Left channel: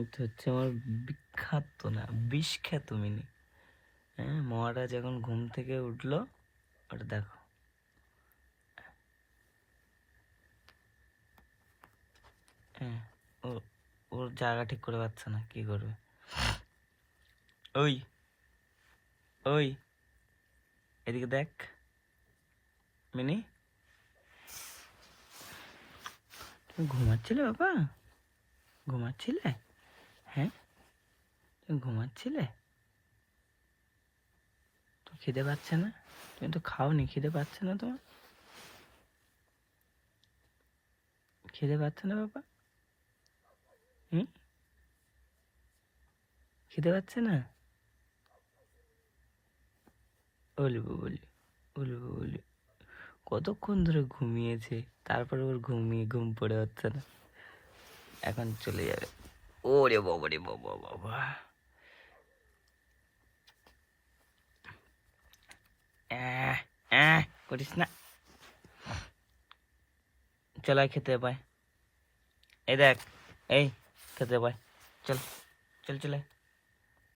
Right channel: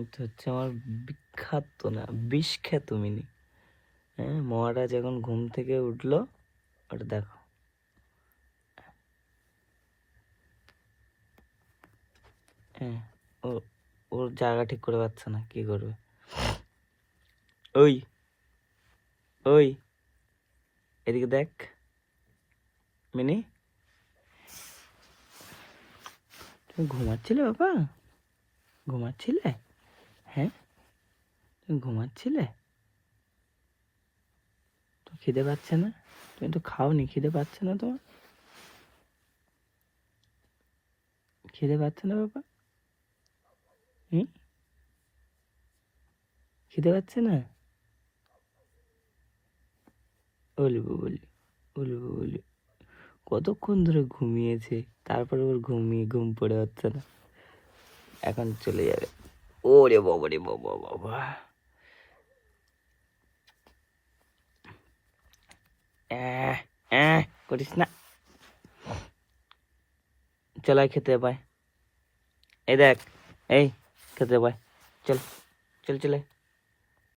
এটা হচ্ছে আমার বিখ্যাত না বিষ-খ্যাত মিনি। হ্যাঁ, মহারাজ এখন ঘুম থেকে উঠলো, ওটা দেখো। হ্যাঁ, ওর জায়গা ঠিক করে পাচ্ছে না, কি করবে? ওই ওই এদিকে দেখ মিনি, তুমি ঘুমাচ্ছিলে বাবা? ঘুমাচ্ছিলে? হ্যাঁ, তুমি ঘুমাচ্ছিলে? তো খিদে পাচ্ছে না? তুমি তো খাওনি, খিদে পাচ্ছে না তোমার? খিদে পাচ্ছে না বাবা? হুম, খিদে পাচ্ছে না? বলবো বলি, বলবো বলি, কতক্ষণ ধরে ঘুমিয়েছে, তারপরে ওর ঘুম পড়ে হচ্ছে না, এখন চলে যাবে। ওরে বাবা রে বাবা বাবা, করিস না, চলাই খেতে পায়। এই দেখ, এই খেতে পায়, চল চল চলে।